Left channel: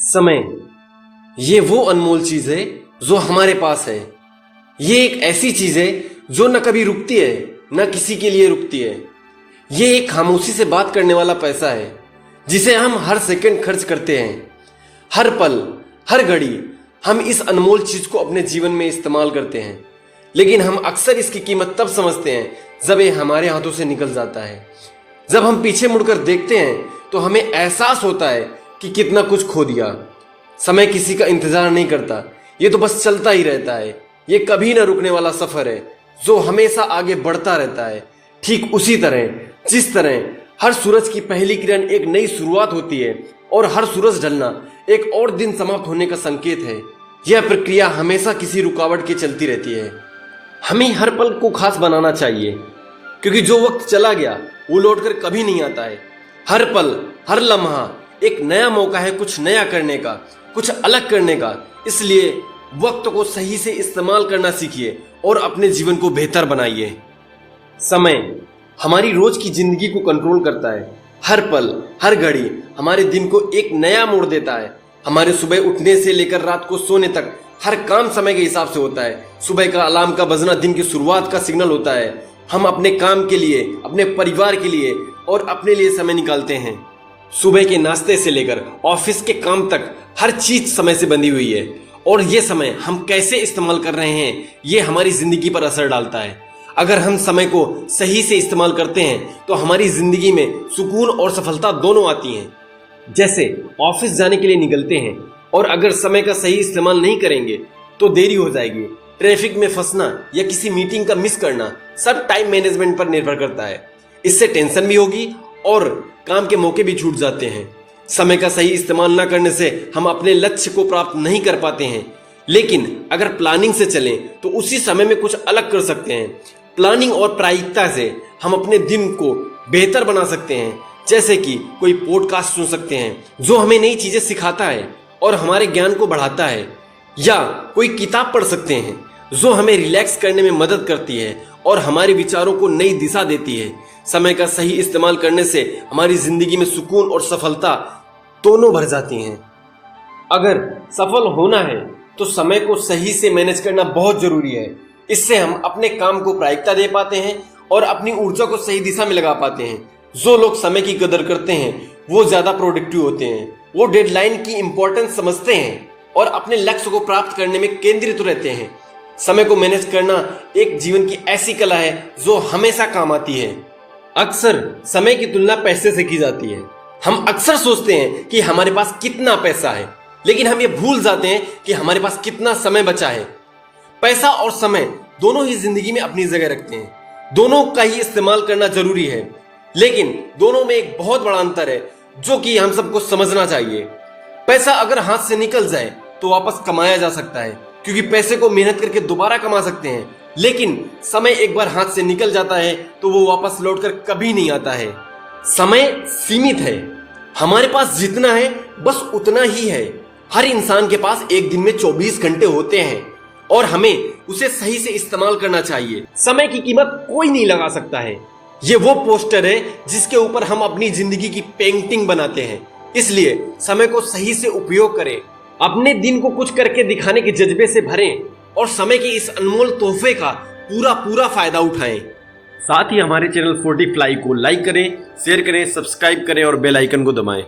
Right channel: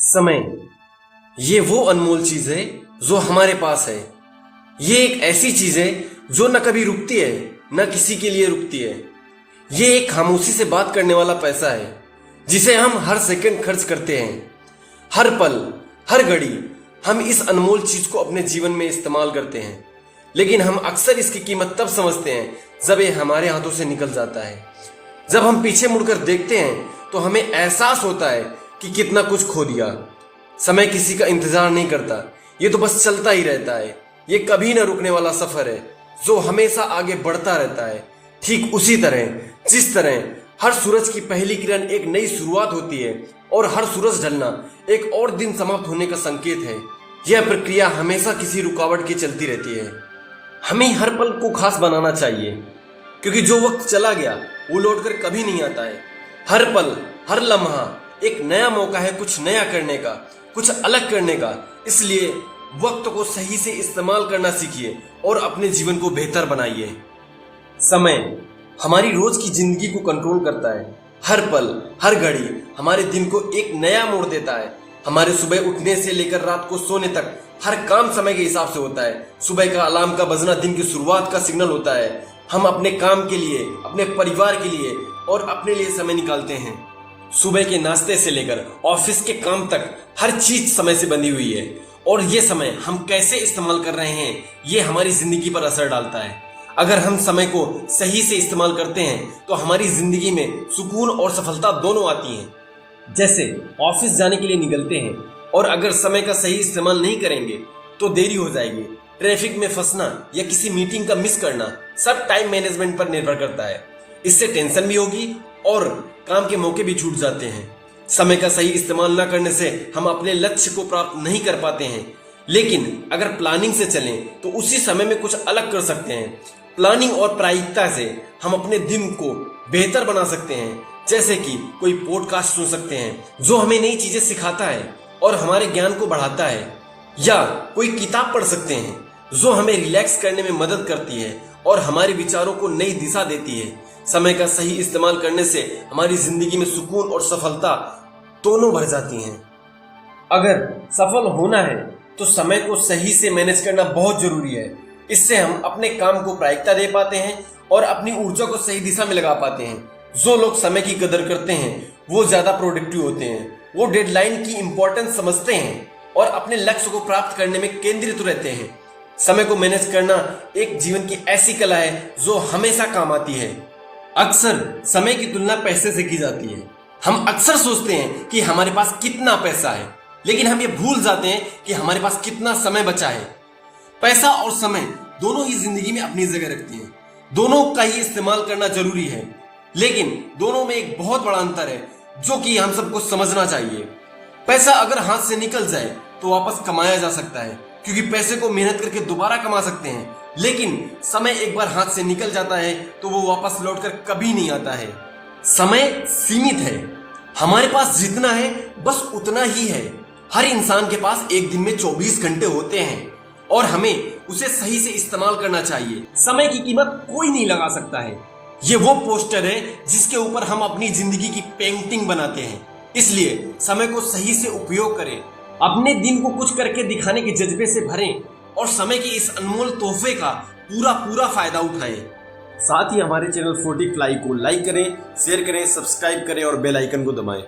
समय ये वो अनमोल चीज है जो हमारे पास है। ये एक ऐसी चीज है जो न कभी रुकती है न किसी के लिए रुकती है। ये एक खामोशी से बात करने वाला पैसा है जिसे हम हर सेकंड खर्च करते हैं। हर पल हर घड़ी हम इस अनमोल चीज को अपने जीवन में इस्तेमाल करते हैं, लेकिन हम अक्सर इसकी कीमत तब समझते हैं जब ये हमारे हाथों से निकल जाता है। जब हम पीछे मुड़कर देखते हैं तो हमें एहसास होता है कि कितना कुछ खो दिया। समय किसी का इंतजार नहीं करता, ये तो बस चलता ही रहता है। ये कभी न रुकने वाला सफर है जो हमेशा आगे बढ़ता रहता है। ठीक उसी तरह जिस तरह हर सूरज की पहली किरण एक नई शुरुआत होती है और हर सूरज ढलना एक और दिन समाप्त होने का संकेत है। यह प्रक्रिया हमेशा किसी रुकावट के चलती रहती है। हमें हर पल को खास बनाना चाहिए, क्योंकि जो वक्त चला गया वो लौटकर कभी नहीं आता है। हर पल हर लम्हा एक नया मौका है कुछ नया करने का, कुछ अलग करने का। इसलिए वक्त को सही से इस्तेमाल करना सीखिए और अपने जीवन को बेहतर बनाइए। समय हमारी रोज की जिंदगी को कंट्रोल करता है। हर पल हर घड़ी हमारे दिन को एक नया मोड़ देता है। हमारे सुबह उठने से लेकर रात को सोने तक हर काम समय के हिसाब से होता है। सुबह का अलार्म का बजना दिन की शुरुआत का सिग्नल होता है। हम अपने काम के लिए, अपने परिवार के लिए और अपने लिए समय निकालते हैं। सुबह के नाश्ते से लेकर ऑफिस के काम तक हर चीज समय से बंधी हुई है, और ये समय हम कैसे इस्तेमाल कर रहे हैं ये हमारी जिंदगी पर असर डालता है। अगर हम समय को सही से इस्तेमाल करते हैं तो हमारी जिंदगी में सुकून और सफलता दोनों आती हैं। जैसे ऑफिस जाने के लिए निकलते हैं और अगर समय का सही इस्तेमाल नहीं करेंगे तो देरी हो जाएगी। ट्रैफिक में फंसना या किसी मीटिंग का मिस करना सब टाइम मैनेजमेंट पर निर्भर करता है। इससे टेंशन भी होगी और काम के मौके भी छूट जाते हैं। समय का सही इस्तेमाल न करने से हम अपने लक्ष्य को प्राप्त नहीं कर पाते हैं, लेकिन अगर प्लानिंग से चलें तो उसी समय में कुछ अलग कर सकते हैं। प्लानिंग और प्रायिकता से हम अपने दिन को बेहतर बना सकते हैं। जैसे कि कोई पॉडकास्ट सुन सकते हैं जो हमें नई चीजें सिखाता है और हमारे ज्ञान को बढ़ाता है, या कोई किताब पढ़ सकते हैं जो हमें रिलैक्स करने में मदद करती है और हमारे विचारों को नई दिशा देती है। समय का सही इस्तेमाल करने से हमारी जिंदगी में सुकून और सफलता दोनों भर जाती हैं। अगर सफल होना है तो समय को सही से मैनेज करना बहुत जरूरी है। इससे हम अपने काम को प्रायिकता दे पाते हैं और अपनी ऊर्जा को सही दिशा में लगा पाते हैं। जो लोग समय की कदर करते हैं वो ज्यादा प्रोडक्टिव होते हैं। वो डेडलाइन की इंपॉर्टेंस समझते हैं और अपने लक्ष्य को प्राप्त करने में केंद्रित रहते हैं। समय को मैनेज करना एक जीवन की ऐसी कला है जो हमेशा काम आती है। अक्सर समय की तुलना पैसे से की जाती है। हम अक्सर सोचते हैं कि हमारे पास कितना पैसा है, लेकिन हम ये भूल जाते हैं कि हमारे पास कितना समय बचा है। पैसा और समय दोनों ही जिंदगी में अपनी जगह रखते हैं। दोनों का ही इस्तेमाल करना जरूरी है, लेकिन दोनों में एक बहुत बड़ा अंतर है जो कि हम सबको समझना चाहिए। पैसा अगर हाथ से निकल जाए तो वापस कमाया जा सकता है, क्योंकि पैसे को मेहनत करके दोबारा कमा सकते हैं, लेकिन समय एक बार हाथ से निकल जाता है तो वो वापस लौटकर कभी नहीं आता है। समय सीमित है, हमारे पास जितना है बस उतना ही है। हर इंसान के पास एक दिन में 24 घंटे होते हैं और हमें उसे सही से इस्तेमाल करना चाहिए। समय की कीमत कोई नहीं लगा सकता है। ये वो पोस्टर है जिसके ऊपर हम अपनी जिंदगी की पेंटिंग बनाते हैं। इसलिए समय को सही से उपयोग करें, अपने दिन को कुछ करके दिखाने के जज्बे से भरें और समय के इस अनमोल तोहफे का पूरा फायदा उठाएं। साथ ही हमारे चैनल 40 फ्लाई को लाइक करें, शेयर करें, सब्सक्राइब करें और बेल आइकन को दबाएं।